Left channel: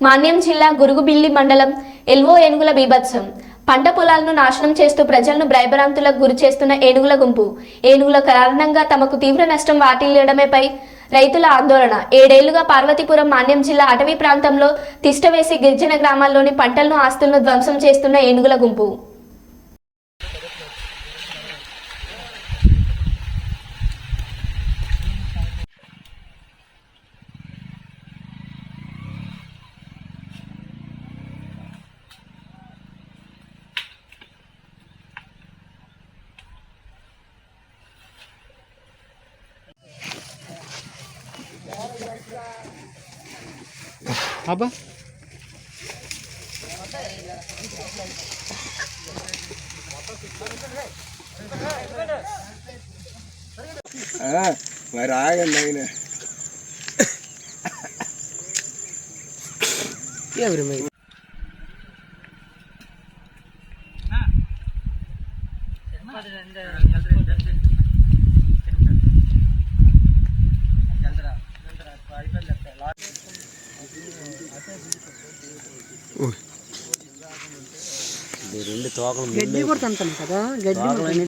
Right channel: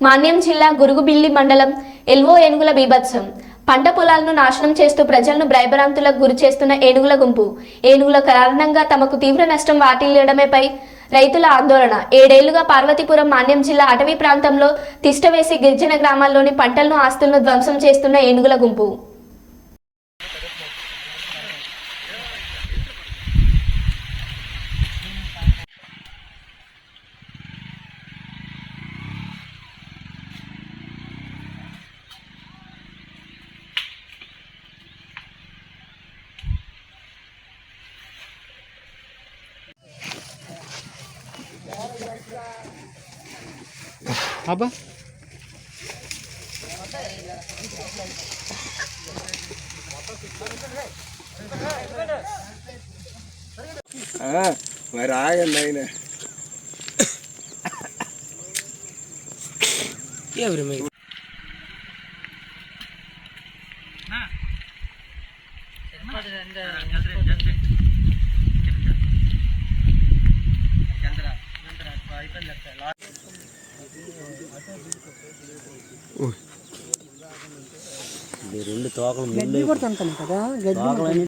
మాన్యం జిల్లా గురుగుబిల్లి మండలం ఎల్వో ఏనుగుల బీభత్సం. పంట పొలాలను నాశనం చేస్తూ ప్రజలను భయభ్రాంతులకు గురి చేస్తున్న ఏనుగుల గుంపు. ఏనుగుల కారణంగా తమకు తీవ్ర నష్టం వాటిల్లడమేపై రైతుల ఆందోళన. 7 ఏళ్లుగా పార్వతీపురం మాన్యం జిల్లా అటవీ ప్రాంతంలో తిష్టవేసి గిరిజన గ్రామాల్లోని పంటలను ఆస్తులను ధ్వంసం చేస్తున్న ఏనుగుల గుంపు. apa మరి ఆగండి ఆయన గడ్డి కూడా తింటాను కదా గడ్డి